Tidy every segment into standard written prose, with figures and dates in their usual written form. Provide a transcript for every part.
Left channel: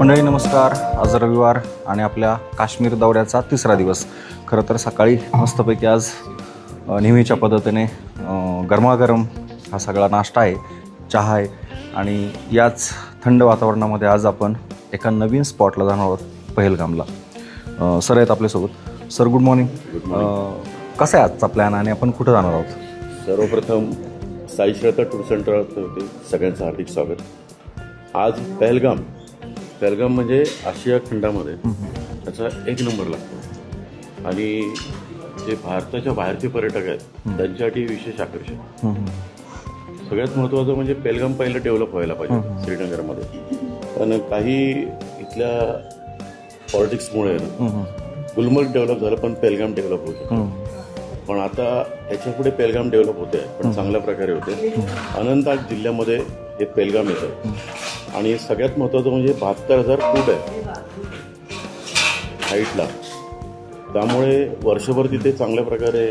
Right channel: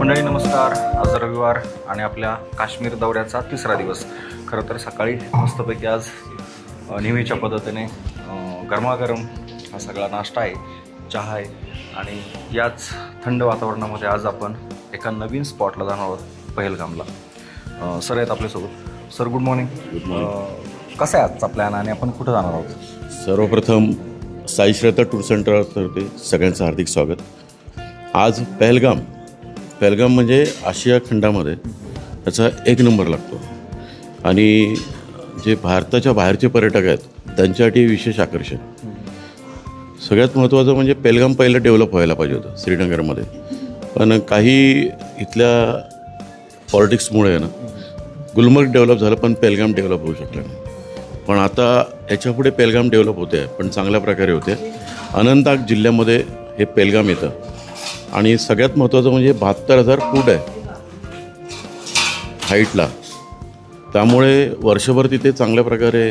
मंडळी नमस्कार. आज रविवार आणि आपल्या काश्मीर दौऱ्याचा तिसरा दिवस. खरं तर सकाळी मस्तपैकी आज नेहमीच्या पद्धतीने गरमागरम हा सगळा नाश्ता आहे, चहा आहे आणि याच थंड वातावरणामध्ये आज आपण एका नवीन स्पॉटला जाणार आहोत, पहलगामला. सर आहेत आपल्यासोबत. Sir good morning. Good morning. कसा आहे आजचा प्लॅन आणि आपण कुठं जाणार आहोत? सर्वप्रथम साई श्रद्धा टूर सेंटरतर्फे सगळ्यांचं हार्दिक स्वागत. आज पहलगाम म्हणजे आशिया खंडामध्ये त्याचा एक नंबर लागतो आणि जे भारताच्या बाहेरचे पर्यटक आहेत त्यांच्यासाठी विशेष आकर्षण. सगळ्यात महत्त्वाचं म्हणजे पहलगाम पहिलं डेव्हलप व्हायला पाहिजे होतं श्रीनगरमध्ये, पण काही इथल्या पॉलिटिक्समुळे ना गुलमर्ग डेव्हलप झालं पण पहलगाम डेव्हलप होऊ शकलं. पण आता याच्यापुढे पहलगाम डेव्हलप होते आहे, पण चांगल्या प्रकारे होते. अनंतनाग जिल्ह्यामध्ये हे पहलगाम येतं आणि सगळ्यात महत्त्वाचं म्हणजे 72,000 फूट आहे हाईटला, त्यामुळे वर्षभर तिथे चांगल्या प्रकारे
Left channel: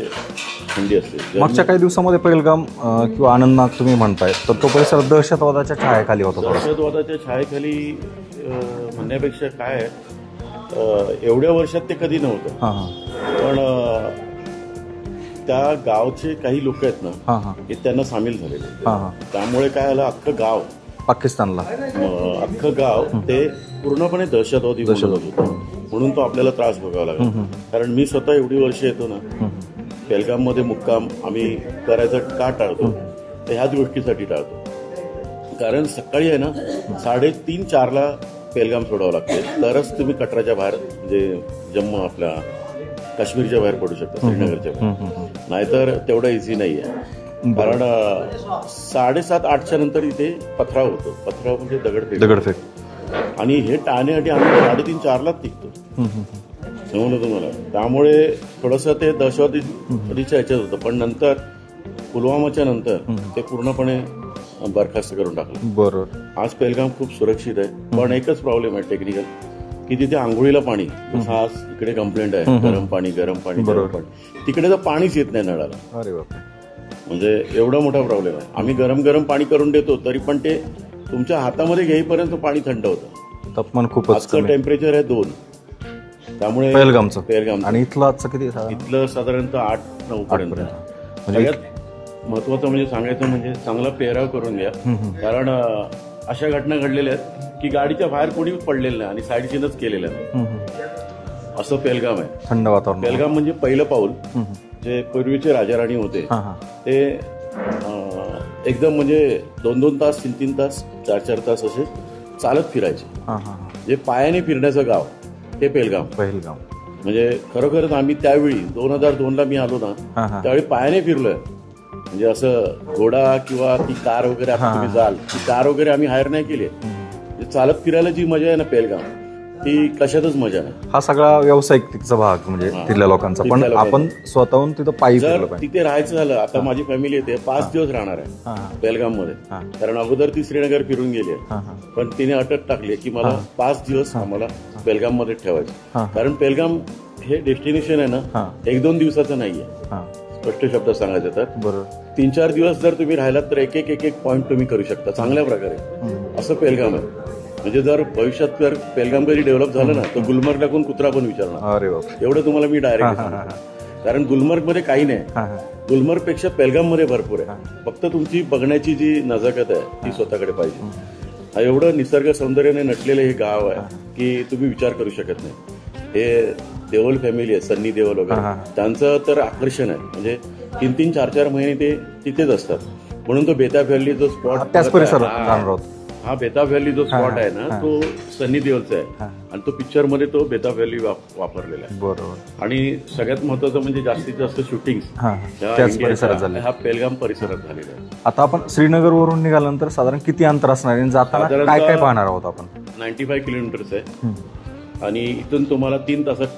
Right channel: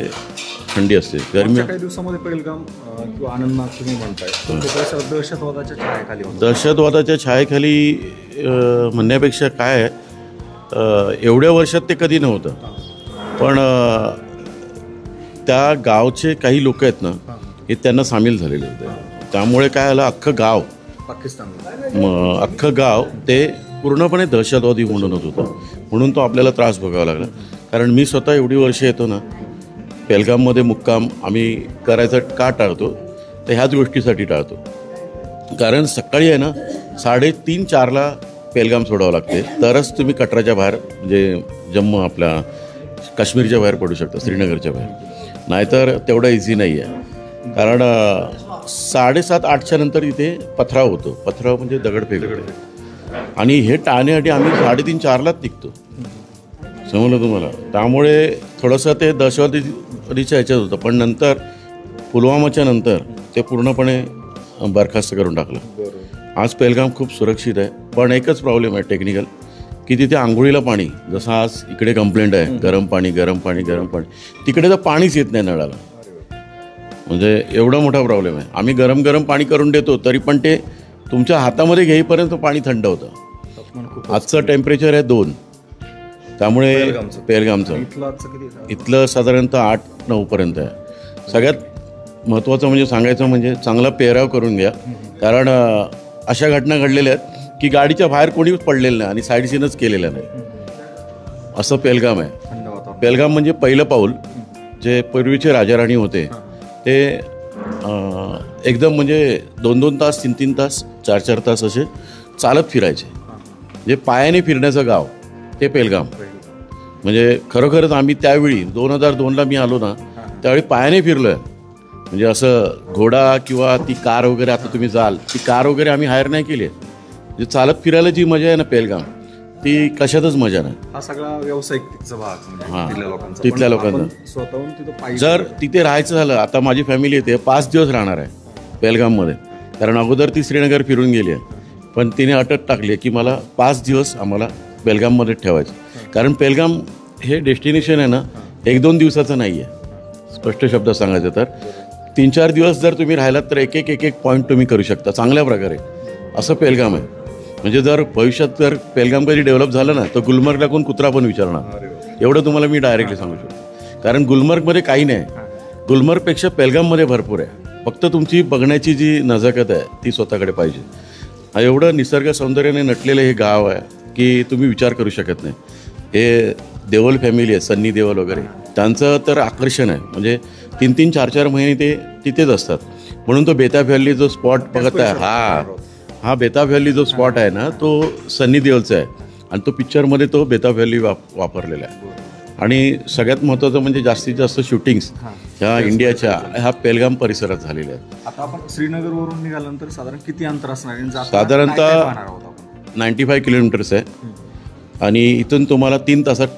थंडी असते. मागच्या काही दिवसामध्ये पहलगाम किंवा आनंदनाग तुम्ही म्हणताय तर तो परिसर दहशतवादाच्या छायेखाली होता. दहशतवादाच्या छायेखाली म्हणण्यापेक्षा काय आहे, एवढ्या वर्षात ते कधी नव्हतं. पण त्या गावचे काही लोक आहेत ना हे त्यांना सामील झालेले, त्यामुळे काय झालं, अख्खं गाव पाकिस्तानला अख्खं गाव ते पूर्णपणे दहशतवादी बोलत होतं. म्हणून तो आपल्याला त्रास भोगावा लागला. कारण मी स्वतः एवढी वर्ष येतो ना पहलगाममध्ये मुक्काम आम्ही करायचं का टाळतो, तर ह्याच गोष्टीसाठी टाळतो. कारण सकाळी आहे ना 3:30-4ला पहलगाम सोडावं लागते, तरच तुम्ही कटराच्या बाहेर म्हणजे जम्मू आपल्या काश्मीरच्या बाहेर पडू शकता, श्रीनगरच्या बाहेर. नाहीतर तेवढं इझी नाही आहे. कारण 7:30-8च्या नंतर इथे पथराव होतो. पथराव म्हणजे दगडफेक. आणि हे टाळण्यासाठी आम्ही 3:30-4लाच निघतो, समजलं तुम्हाला. त्यामुळे थोडंसं ते दहशतवादीच्या ह्याच्यात होतं, पण नंतर पुलवामाच्या नंतर ते पूर्णपणे बरखास्त करून टाकलं. बरोबर. आज पहलगाम खूप सुरक्षित आहे, पण एकच प्रॉब्लेम आहे टेक्निकल, की तिथे आंघोळीला पाणी, जसं आज इकडे कंप्लेंट आहे गरम पाणी, तिकडे तर पाणीच येत नाही नळाला. अरे बाप, म्हणजे एवढा मोठा प्रॉब्लेम आहे. आम्ही गरम पाणी करून देतो तरी पण ते तुमच्या हातामध्ये घेईपर्यंत पाणी थंड होतं. तापमान खूप. आजचं टेम्परेचर आहे 2, त्यामुळे पहलगामचं आणि इथलं साधारणतः 8-9 पर्यंत आहे. सगळ्यात महत्त्वाचं म्हणजे सांगायचं म्हणजे चांगला पेहराव करून घ्या. कारण अशा घटना घडलेल्या आहेत की गाडीच्या बाहेर कोणीच पडलेलं नाही आणि साईड सीनच केलेलं नाही. असं पहलगाम आहे, थंड वातावरण. पहलगाम म्हणजे पहिलं पाऊल. जे पूर्वीचे राजाराणी होते ते एकदम म्हणजे 2-2 तास, 3-3 तास, 4-4 तास असे चालत फिरायचे. जे पायाने फिरण्याचं गाव ते पहलगाम. म्हणजे खरोखरच आम्ही त्यावेळी 2002ला मी आलो ना त्यावेळी पायाने फिरलोय. म्हणजे असं घोडा किंवा ती कार वगैरे, आता तुम्ही जाल ती कार वगैरे आम्ही हायर नाही केली. जे चालत फिरायला जी मजा आहे ना पहलगाम, ती कशातच मजा नाही. हा सगळा व्यावसायिकचा भाग म्हणजे तिथल्या लोकांचा. पण आपण स्वतःहून तिथं पाहिजे. जर तिथे राहायचं झालं, आता माझी फॅमिली येते 5 दिवस राहणार आहे पहलगाममध्ये. कारण अगोदर ती श्रीनगर फिरून गेली आहे, पण तिने अटक टाकली की मला 5 दिवस आम्हाला पहलगाममध्ये ठेवायचं. कारण पहलगाम हे डेस्टिनेशन आहे ना 1-2 दिवसाचं नाही आहे. स्पष्ट शब्दात सांगायचं तर 3-4 दिवस जर तुम्ही राहिलात तर एक पॉईंट तुम्ही करू शकता चांगल्या प्रकारे. असं पहलगाम आहे. म्हणजे जर भविष्यात जर पहलगाम कधी डेव्हलप झालं ना तर गुलमर्गला कोण कुत्रा पण विचारणार, एवढं तुम्हाला मी डायरेक्टली सांगतो. कारण गुलमर्गमध्ये काही नाही, गुलमर्गपेक्षा पहलगाममध्ये भरपूर आहे. फक्त तुमची बघण्याची जी नजाकत आहे ती स्वतःकडे पाहिजे. एवढं निसर्ग सौंदर्याने नटलेलं हे गाव आहे की तुम्ही विचार करू शकत नाही. हे देओल फॅमिली आहे, सन्नी देओल वगैरे, त्यांचं तर आकर्षण आहे. म्हणजे 3-3, 4-4 महिने ते तिथेच असतात. म्हणून तो बेताब व्हॅली जो स्पॉट बघत आहे, हा बेताब व्हॅली जो स्पॉट आहे ना तो सन्नी देओलचा आहे आणि तो पिक्चरमध्ये तो बेताब व्हॅली वापरलेला आहे. आणि सगळ्यात महत्त्वाचं म्हणजे जास्तीत जास्त शूटिंग्स ह्या इंडियाच्या ह्या पहलगाम परिसरात झालेल्या आहेत. आता आपण श्रीनगरवरून निघाल्यानंतर साधारण किती अंतर असणार आहे? साधारणतः पाहणार आहोत आपण 95 किलोमीटर्स आहे आणि इथून तुम्हाला 3 तासात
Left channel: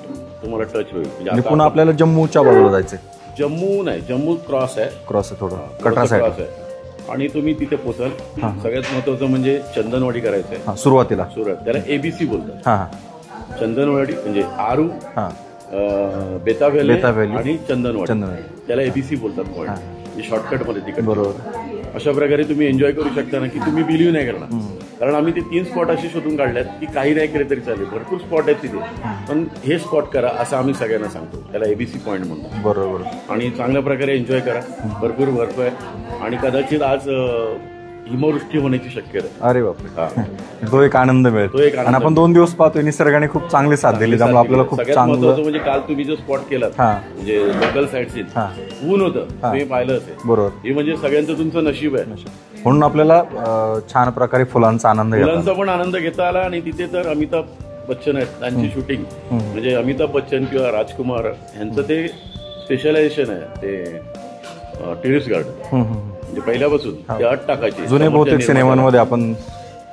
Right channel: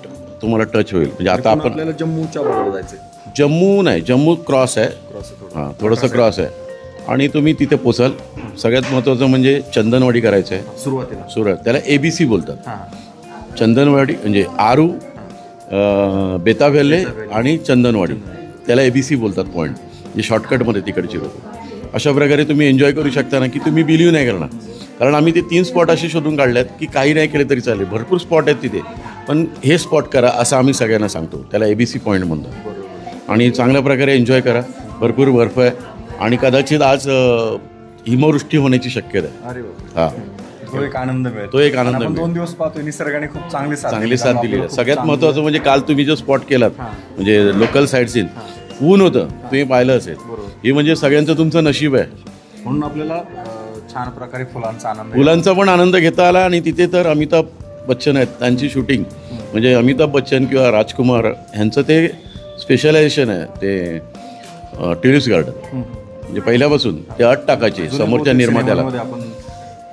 तुम्हाला टच होईल. म्हणजे आता आपल्याला जम्मूच्या बाजूला जायचं. जम्मू नाही, जम्मू क्रॉस आहे, थोडंसं क्रॉस आहे आणि तुम्ही तिथे पोचाल. सगळ्यात महत्त्वाचं म्हणजे चंदनवाडी करायचं आहे सुरुवातीला. त्याला ABC बोलतात. चंदनवाडी म्हणजे आरू, बेताब व्हॅली आणि चंदनवाडी, त्याला ABC बोलतात पॉईंट. म्हणजे शॉर्टकटमध्ये तिकडे. अशा प्रकारे तुम्ही एन्जॉय करू शकता ना की तुम्ही बिलीव्ह नाही करणार. कारण आम्ही ते 3 स्पॉट असे शोधून काढल्यात की काही नाही केले तरी चालेल, भरपूर स्पॉट आहेत तिथे, पण हे स्पॉट करा असं आम्ही सगळ्यांना सांगतो. त्याला ABC पॉईंट म्हणतात. बरोबर. आणि चांगल्या प्रकारे एन्जॉय करा. भरपूर बर्फ आहे आणि कदाचित आज हिमवृष्टी होण्याची शक्यता आहे. अरे बापरे. हा, तो एक आनंद मिळतो. तो एक आनंद आपण 2 दिवस पाहतोय निसर्गाने खूप चांगली साथ दिली. आपल्याला खूप सगळ्यात महत्वाचं म्हणजे काल तुम्ही जो स्पॉट केलात म्हणजे लोकल साईड सीन, ऊन होतं, तुम्ही पाहिलं असेल. बरोबर. हे म्हणजे सगळ्यांचं तुमचं नशीब आहे. म्हणून आपल्याला छान प्रकारे फुलांचा आनंद फुलांचा पण आनंद घेता आला. आणि तिथे तर अमिताभ बच्चन आहेत, त्यांची शूटिंग म्हणजे अमिताभ बच्चन किंवा राजकुमार ह्यांचं ते स्पेशलायझेशन आहे ते टेरेस गार्डन. म्हणजे पहिल्यापासून ते अट टाकायचे समोरच्या निर्मात्याला. आपण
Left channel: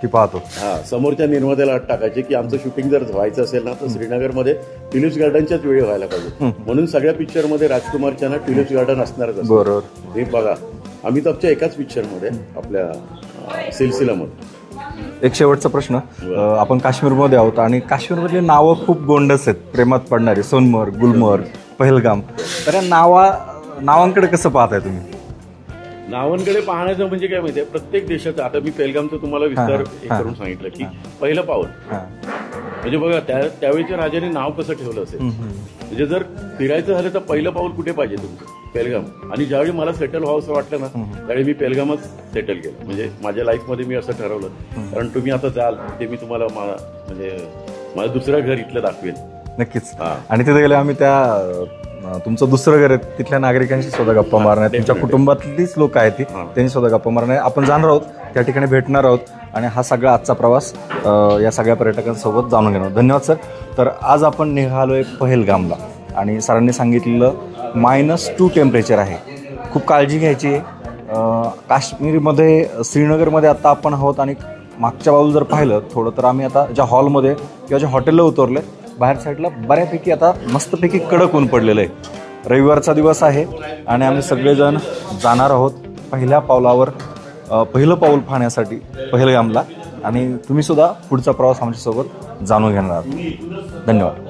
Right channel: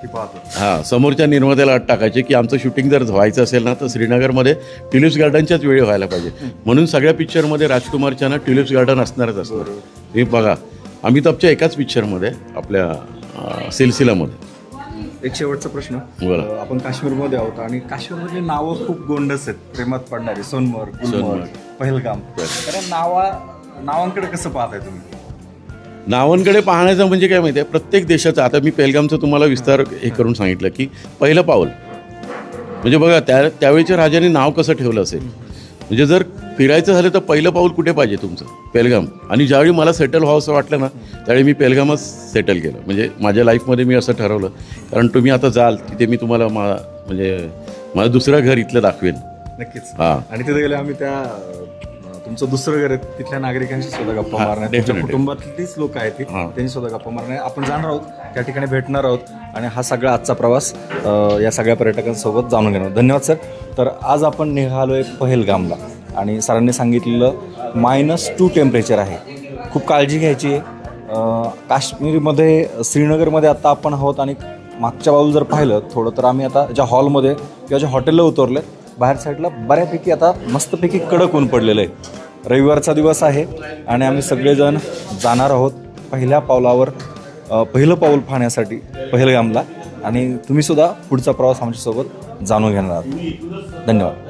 ती पाहतो. समोरच्या निर्मात्याला अट टाकायचे की आमचं शूटिंग जर व्हायचं असेल ना तर श्रीनगरमध्ये ट्युलिप्स गार्डनच्याच वेळी व्हायला पाहिजे. म्हणून सगळ्या पिक्चरमध्ये राजकुमारच्या ना ट्युलिप्स गार्डन असणारच असतं. बरोबर. हे बघा अमिताभच्या एकाच पिक्चरमध्ये आपल्या सिलसिलामध्ये. एक शेवटचा प्रश्न. आपण काश्मीरमध्ये आहोत आणि काश्मीरमधली नावं खूप गोंडस आहेत, प्रेमात पडणारी. सोनमर्ग, गुलमर्ग, पहलगाम. तर या नावांकडे कसं पाहताय तुम्ही? नावांकडे पाहण्याचं म्हणजे काय माहिती आहे, प्रत्येक देशाचं. आता मी पहलगामचं तुम्हाला विस्तार हे करून सांगितलं की पहिलं पाऊल म्हणजे बघा त्यावेळेच्या राजाने नाव कसं ठेवलं असेल. म्हणजे जर फिरायचं झालं तर पहिलं पाऊल कुठे पाहिजे तुमचं? पहलगाम. आणि ज्यावेळी मला सेटल व्हावं असं वाटलं ना त्यावेळी मी पहलगामच सेटल केलं. म्हणजे माझ्या लाईफमध्ये मी असं ठरवलं, कारण तुम्ही आता जाल तिथे मी तुम्हाला म्हणजे माझं दुसरं घर इथलं दाखवेन. नक्कीच. आणि तिथे गेले आम्ही तुमचं दुसरं घर आहे, तिथल्या नागरिकांशी सुद्धा गप्पा मारणार, तुमच्या कुटुंबातलीच लोक आहेत ती, त्यांनी सुद्धा गप्पा मारणार. आपण जाणार आहोत त्या ठिकाणी, भेटणार आहोत आणि हा सगळा आजचा प्रवास या सगळ्या पर्यटकांसोबत जाणून घेणार. धन्यवाद सर. तर आज आपण निघालोय पहलगामला आणि सरांनी सांगितलेलं -2 टेम्परेचर आहे. खूप काळजी घ्यायची आहे. काश्मीरमध्ये श्रीनगरमध्ये आता आपण आहोत आणि मागच्या बाजूला जर पाहिलं थोडं तर आम्ही आता ज्या हॉलमध्ये किंवा ज्या हॉटेलला उतरले, बाहेर साईडला बऱ्यापैकी आता मस्तपैकी कडक ऊन पडलेलं आहे. रविवारचा दिवस आहे आणि आम्ही सगळेजण जाणार आहोत पहिल्या पावलावर पहिलं पाऊल पाहण्यासाठी पहलगामला. आणि तुम्ही सुद्धा पुढचा प्रवास आमच्यासोबत जाणून घेणार आहात. धन्यवाद.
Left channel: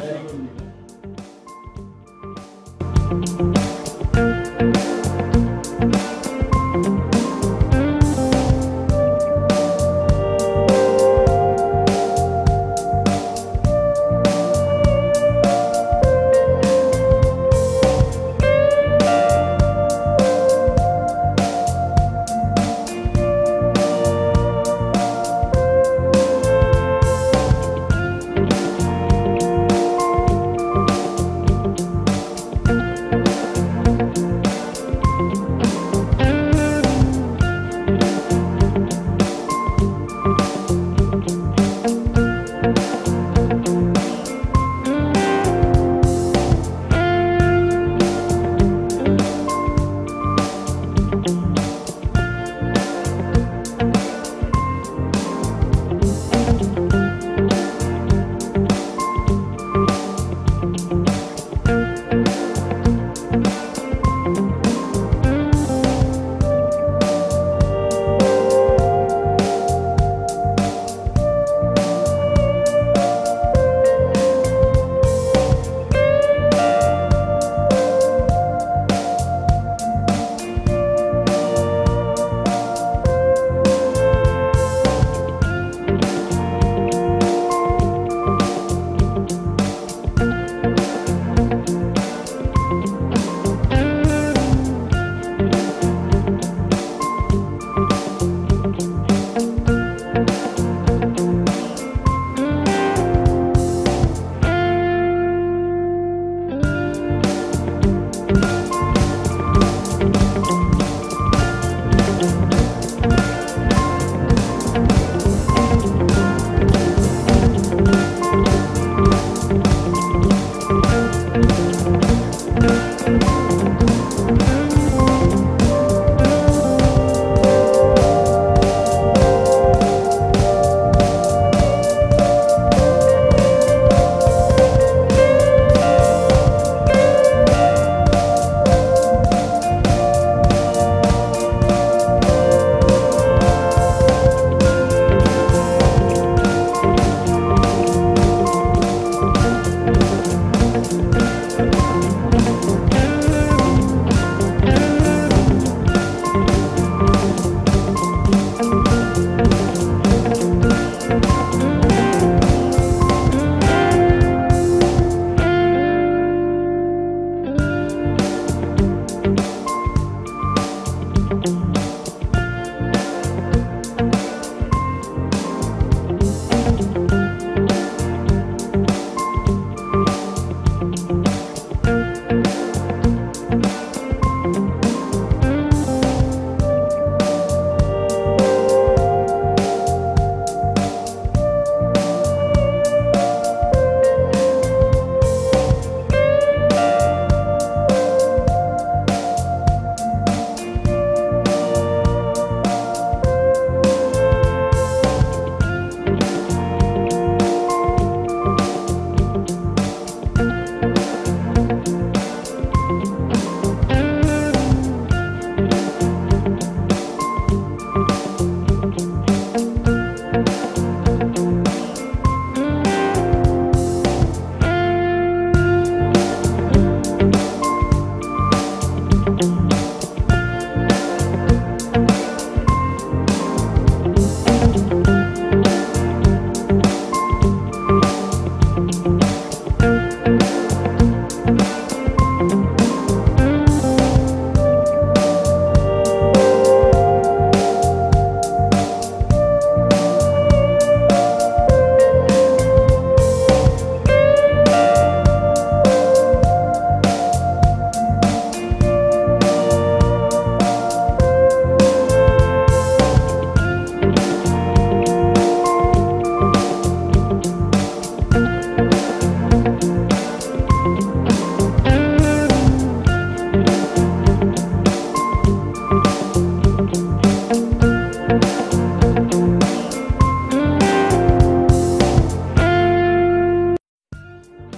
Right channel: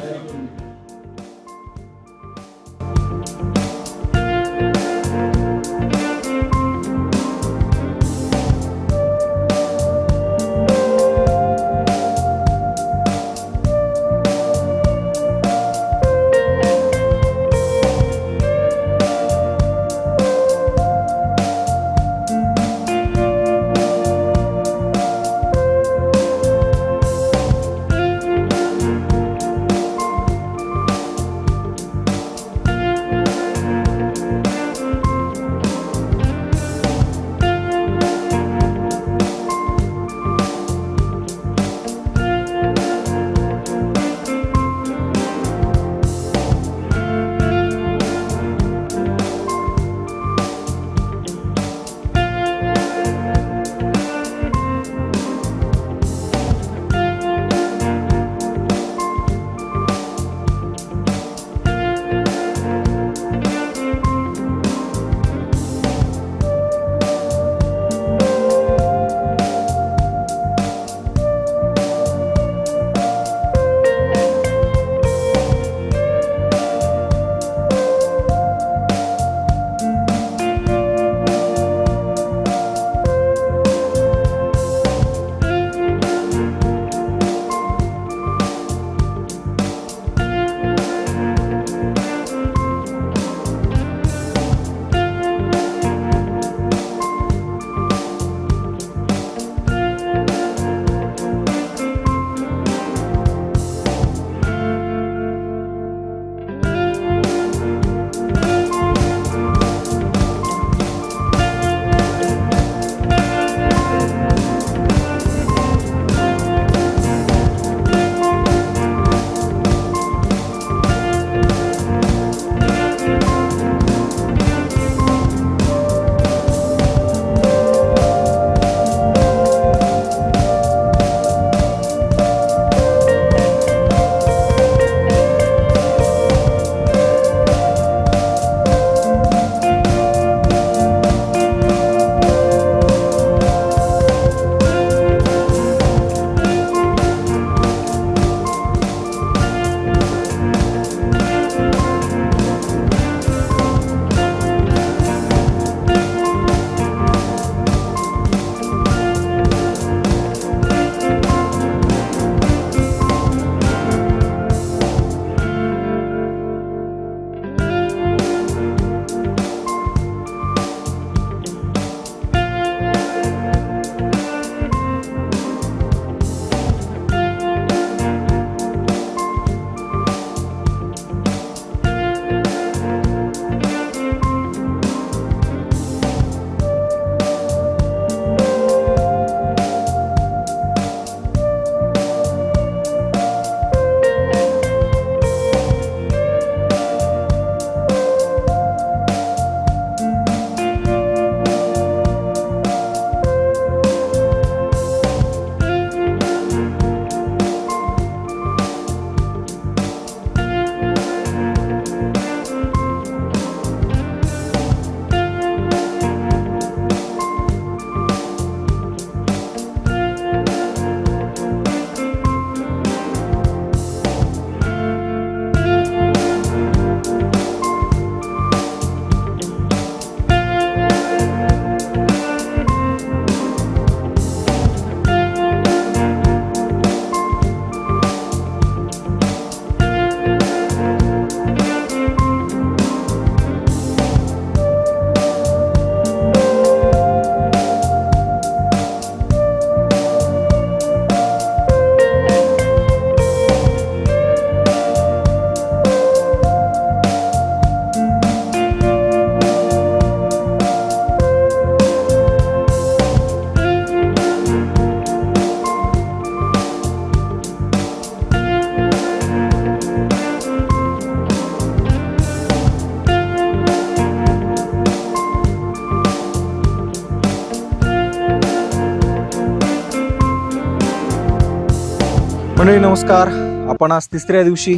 नमस्कार. आपण आज तिसऱ्या दिवशी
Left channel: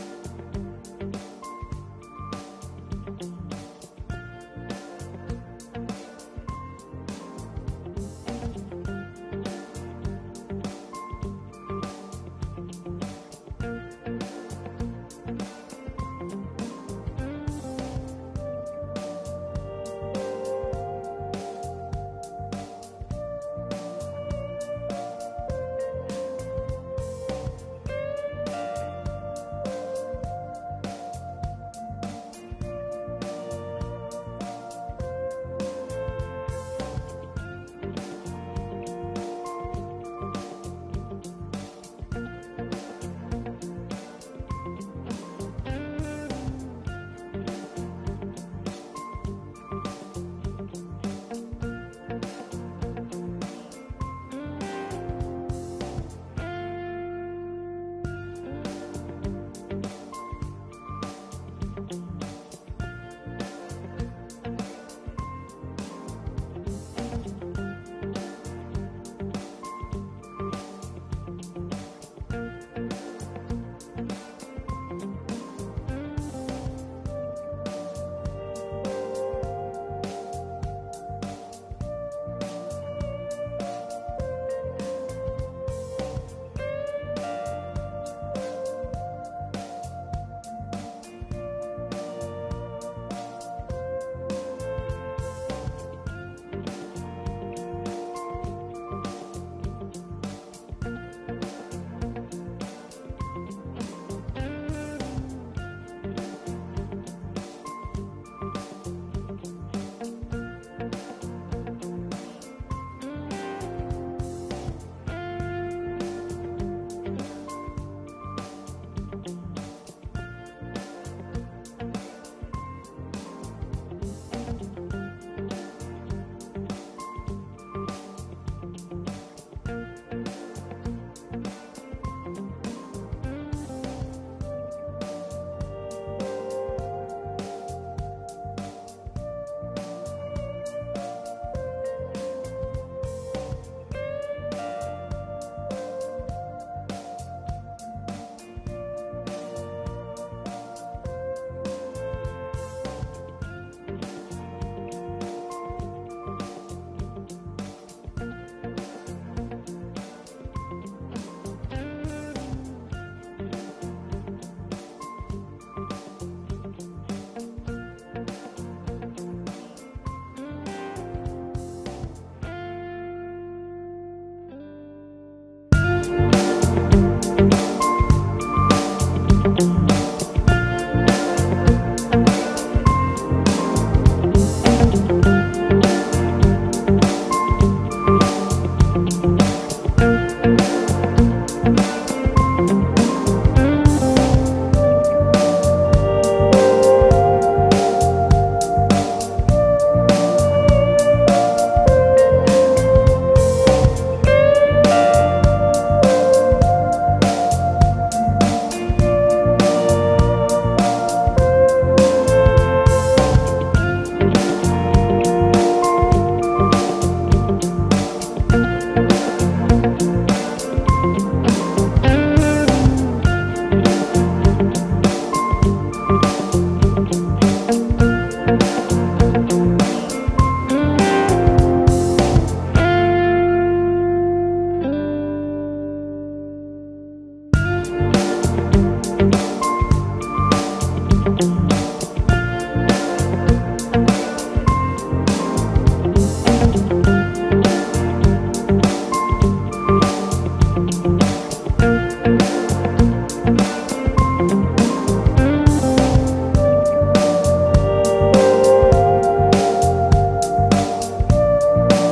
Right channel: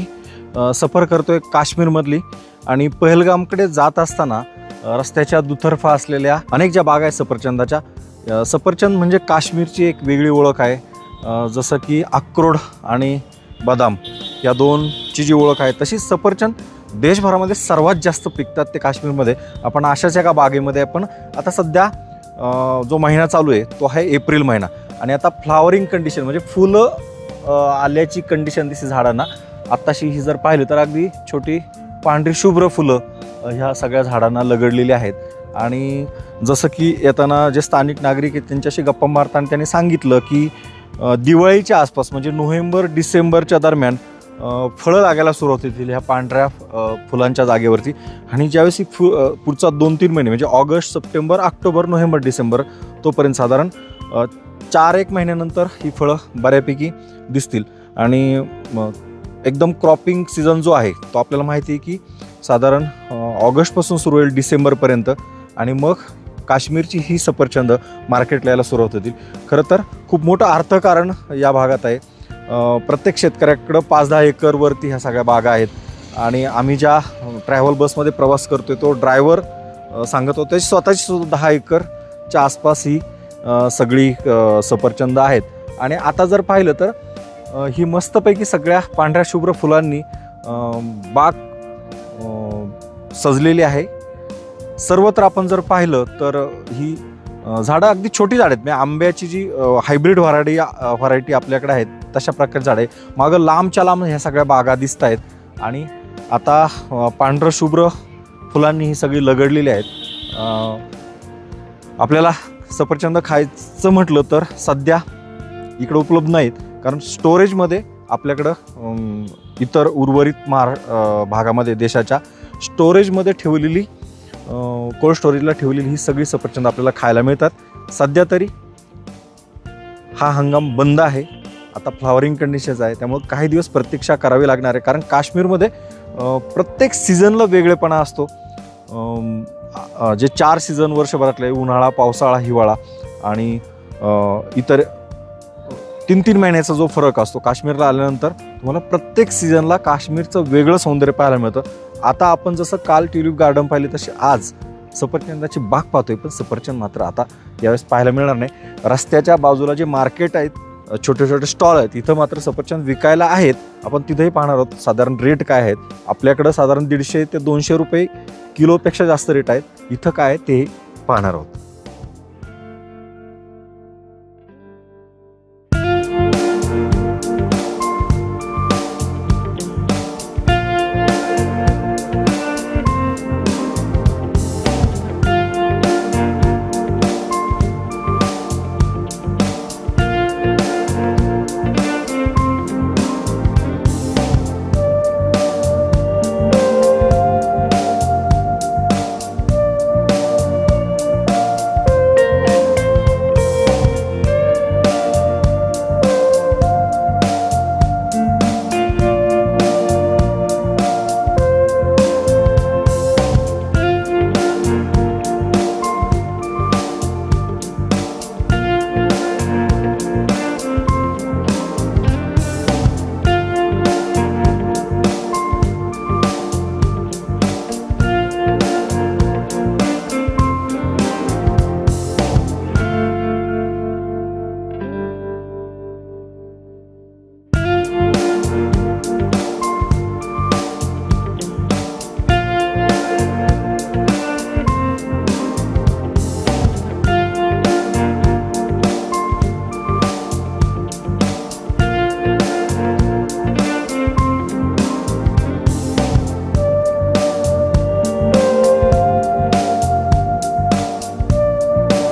सफर करतोय काश्मीरमधली आणि पहलगामकडे जात असताना रस्त्याच्या दुतर्फा असलेल्या अनेक ज्या बागा आहेत सफरचंदाच्या, सफरचंद म्हणजे काश्मीरची एक वेगळी ओळख आहे. जसं की अक्रोड आणि बदाम या दोनची जी ओळख आहे तशीच सफरचंद देशभरामध्ये सर्वात जास्त पिकतात ते काश्मीरमध्ये. आपण अशाच एका बागेमध्ये आपण आता सध्या जो महिना चालू आहे तो आहे एप्रिल महिना आणि आता फ्लावरिंग कंडिशन म्हणजे फुलं आल्याची कंडिशन दिसते झाडांना. आत्ताशी ही जर पाहिलं तर अगदी छोटी पांढरी शुभ्र फुलं ह्या सगळ्या झाडांना लगडलेली आहेत. आणि जसं की येताना जे स्थानिक नागरिक आहेत त्यांच्याशी गप्पा मारताना त्यांनी सांगितलं की दिवाळीच्या आसपास म्हणजे नोव्हेंबर डिसेंबरच्या दरम्यान फळं लागायला सुरुवात होतील ह्या पांढऱ्या फुलांच्या जागेवरती. आणि ज्यावेळेस ही पुढचा 2-3 महिने म्हणजे August, September, October, November, December तोपर्यंत साधारण 4-1 महिन्यानंतर ही फळं बऱ्यापैकी दिसतील. आणि एकदम क्रॉपिंग सीझन जो आहे तो आपल्याला माहिती आहे की साधारण ऑगस्टपासून सुरू होईल डिसेंबरपर्यंत आणि मग काश्मीरची ही सफरचंद मार्केटला यायला सुरुवात होतील. खरं तर खूप मोठं अर्थकारण या भागात आहे. प्रत्येक शेतकऱ्याकडं 5-10 एकरवरती ह्या सगळ्या बागा आहेत. आणि आम्ही ज्या ट्रॅव्हल बसमध्ये प्रवास करतोय तो ड्रायव्हर सांगत होते स्वतःची सुद्धा 10 एकरच्या आसपास ही सगळी सफरचंद आहेत. आणि आता जर पाहिलं तर ही मस्तपैकी सगळ्या पांढऱ्या शुभ्र फुलांनी बाग सजलेली आहे. सर्वत्र आपण जर पाहिलं तर ही झाडं अगदी छोटी झाड आहेत. म्हणजे आंब्याची जी हायब्रिड व्हरायटी आपल्याकडे आहेत तशा प्रकारची झाडं आहे. मागं लांबच्या लांब ह्या सगळ्या बागा दिसत आहेत. आणि आता पांढरं शुभ्र फुलांनी ही सगळी लगडलेली आहेत. आपल्याला सफरचंद खायचं म्हटलं तर सध्या इकडं उपलब्ध नाहीत कारण स्टोरेजमध्ये आपल्याकडं इतर उर्वरित भागामध्ये देशाच्या स्टोरेजमध्ये ठेवलेली कोल्ड स्टोरेजला ठेवलेली ही सगळी सफरचंद आपल्याला खायला मिळतात. सध्या तरी हा हंगाम बंद आहे. आता फ्लावरिंग कंडिशन्स आहे त्यामुळे काही दिवस प्रतीक्षा करावी लागणार आहे कारण काश्मीरमध्ये प्रत्येक सीझनला वेगळेपणा असतो. जे 4 सीझन वर्षभरातले उन्हाळा, पावसाळा, हिवाळा आणि इतर 3-3 महिन्याचा जो फरक असतो काश्मीरला आल्यानंतर तुम्हाला प्रत्येक सीझनला काश्मीरचं वेगळं सौंदर्य पाहायला मिळतं. आता आपण जसं काल ट्युलिप गार्डन पाहिले तसे आज सफरचंदाची बाग पाहतोय पण सफरचंद मात्र आता यावेळेस पाहायला मिळणार नाही. रस्त्याच्या बाजूला जे मार्केट आहेत, छोटे छोटे स्टॉल आहेत, इथं मात्र सफरचंद विकायला आहेत. आपण तिथेही पाहणार आहोत साधारण रेट काय आहेत. आपल्याकडं साधारण 150 ते 200 रुपये किलोपेक्षा जास्त रेट आहेत. इथं काय ते पाहणार आहोत.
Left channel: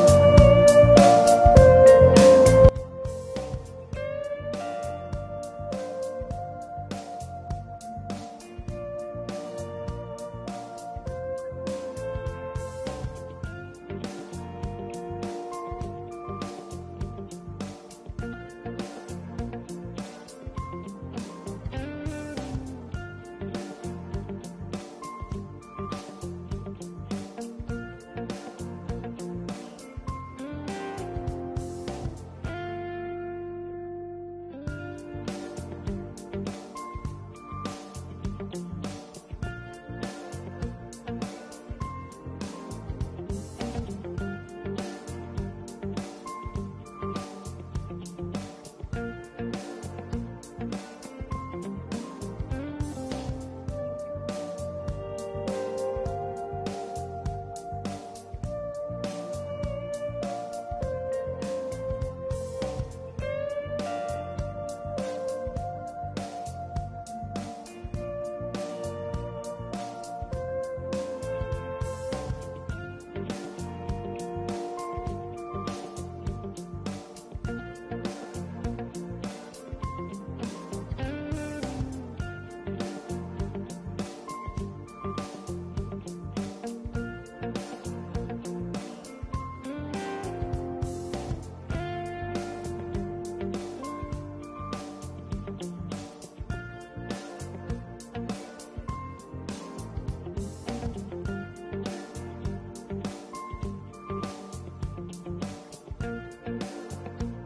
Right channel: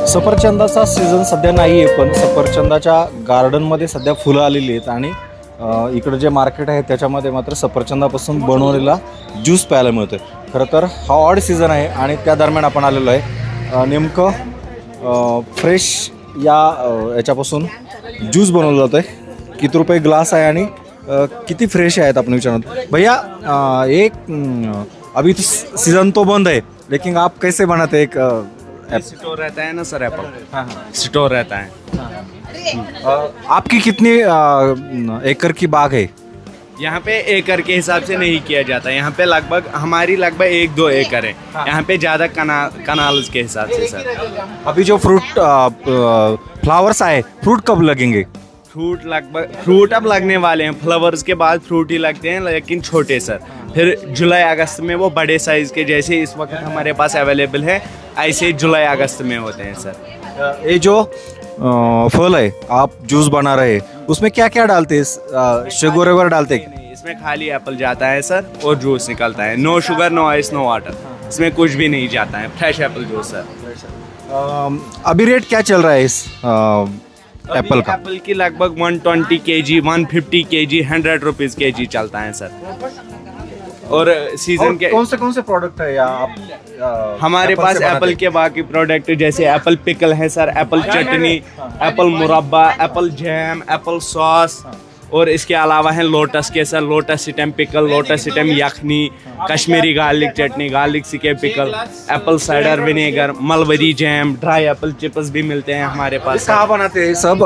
सफरचंदाचा सीझन सध्या नाही आहे पण सफरचंदाच्या गार्डनमध्ये सध्या फुलं आलेली आहेत. आणि इकडं जे मार्केट आहे त्याच्यामध्ये मात्र सफरचंदापासून बनवलेला ज्यूस प्यायला मिळतो. खरं तर हा ऑड सीझन आहे आणि त्या दरम्यान आपण आलेलो आहे. नेमकं फ्रेश याच्यापासून ज्यूस बनवलं जातं आहे. किती रुपये ग्लास आहे आणि किती फ्रेश आहेत आपण विचारणार. भैया एक अभी तो सीज़न तो बंद है लेकिन आप कैसे बनाते एक स्टोर रहता है ना सर, एप्पल स्टोर रहता है आपकी कितनी एकड़ की बाग है? यहाँ पे एकड़ के हिसाब से नहीं किया जाता, यहाँ पे हमारी लगभग 1-2 एकड़ है। यहाँ पे ज़्यादा कनाल्स के हिसाब से सर। अभी जो फ्लावर्स आए, फ्रूट कब लगेंगे? फ्रूट अब लगने वाले हैं, फ्लावर्स के बाद फ्रूट ही लगते हैं, लेकिन छोटे सर। फिर जुलाई अगस्त में वो बड़े साइज के, जैसे इस वक्त हमारे पास अवेलेबल है, ऐसे जुलाई अगस्त में होते हैं सर। ये जो फल है आप जूस बना रहे हैं, उसमें क्या क्या डालते हैं? शुगर वगैरह डालते हैं? नहीं, इसमें खाली एप्पल जाता है सर और जूस निकलता है। No sugar, no ice, no water, इसमें कुछ भी नहीं जाता है। Fresh apple juice sir. अभी रेट क्या चल रहा है इस एप्पल का? एप्पल की लगभग 120 kg, 150 kg, 100 रुपीज़ kg चलता है सर। और सीजन के कौन से प्रोडक्ट है या आप हमारे पास एप्पल के बाकी प्रोडक्ट जैसे एप्पल पिकल है सर, एप्पल चटनी, एप्पल मुरब्बा, एप्पल जैम, एप्पल सॉस, और इसके अलावा है लोटस के sir, lotus stem pickle, lotus stem यखनी, कश्मीरी गार्लिक चटनी, गार्लिक सिके pickle, apple cider vinegar, mulberry jam, dry apple chips भी मिलते हैं हमारे पास। कहाँ बनाते हैं सब?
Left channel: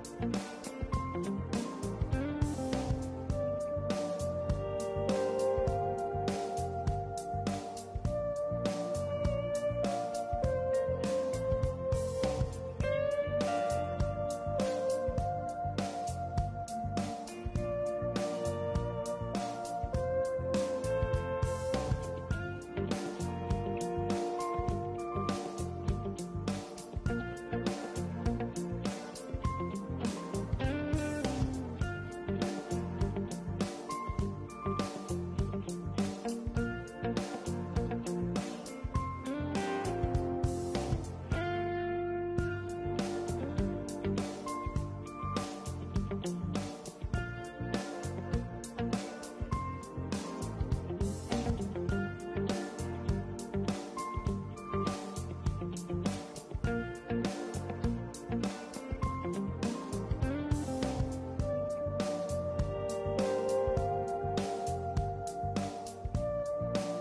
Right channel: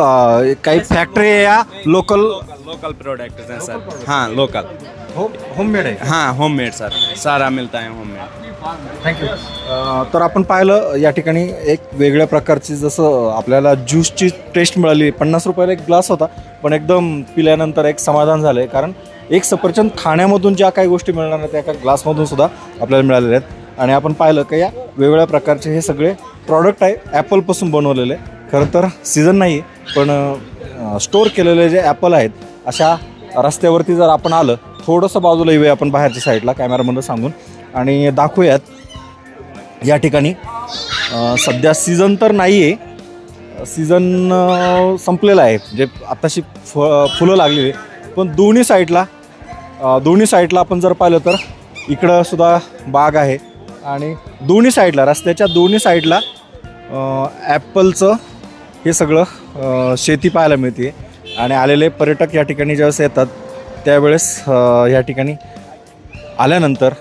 कई फैक्ट्री है या लोकल प्रोडक्ट हैं सर? हाँ, लोकल होममेड आहे? हां, होममेड सर, सारा मिळता आहे होममेड। थँक्यू। तर आपण पाहिलं या ठिकाणी एक वेगळ्या प्रकारची, जसं आपल्याला ज्यूसची टेस्ट मिळाली, 50 रुपयाला एक ग्लास होता, पण एकदम पिल्यानंतर एक समाधान झालं आहे, कारण एक सफरचंद खाण्यामधून ज्या काही गोष्टी मिळणार आहेत त्या एका ग्लासमधून सुद्धा आपल्याला मिळालेल्या आहेत। आणि आपण पाहिलं की या वेगवेगळ्या प्रकारचे हे सगळे प्रॉडक्ट आहे ॲपलपासून बनवलेले। खरं तर सीझन नाही आहे, पण स्टोअर केलेले जे ॲपल आहेत, अशा रस्त्यावरती जर आपण आलं, थोडंसं बाजूला येऊया आपण बाहेरच्या साईडला कॅमेरामध्ये सांगून आणि दाखवूयात या ठिकाणी। सध्या सीझन तर नाही आहे, सीझन संपलेला आहे, जे आत्ताशी फुलं लागलेली, पण दोन्ही साईडला आपण जर पाहिलं तर इकडं सुद्धा बाग आहे आणि दोन्ही साईडला, रस्त्याच्या दोन्ही साईडला ॲपलचं हे सगळं शेती पाहायला मिळते। आणि आलेले पर्यटक या ठिकाणी ज्यावेळेस येतात त्यावेळेस या ठिकाणी आल्यानंतर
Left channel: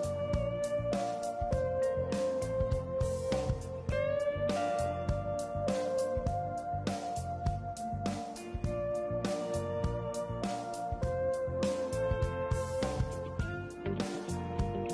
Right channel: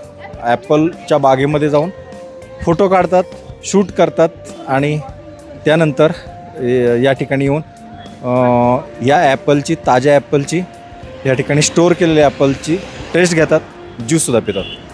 ॲपलच्या बागेमध्ये जाऊन फोटो काढतात, शूट करतात आणि त्यानंतर या ठिकाणी येऊन या ॲपलची, ताज्या ॲपलची, या ठिकाणी स्टोअर केलेल्या ॲपलची टेस्ट घेतात, ज्यूससुद्धा पितात।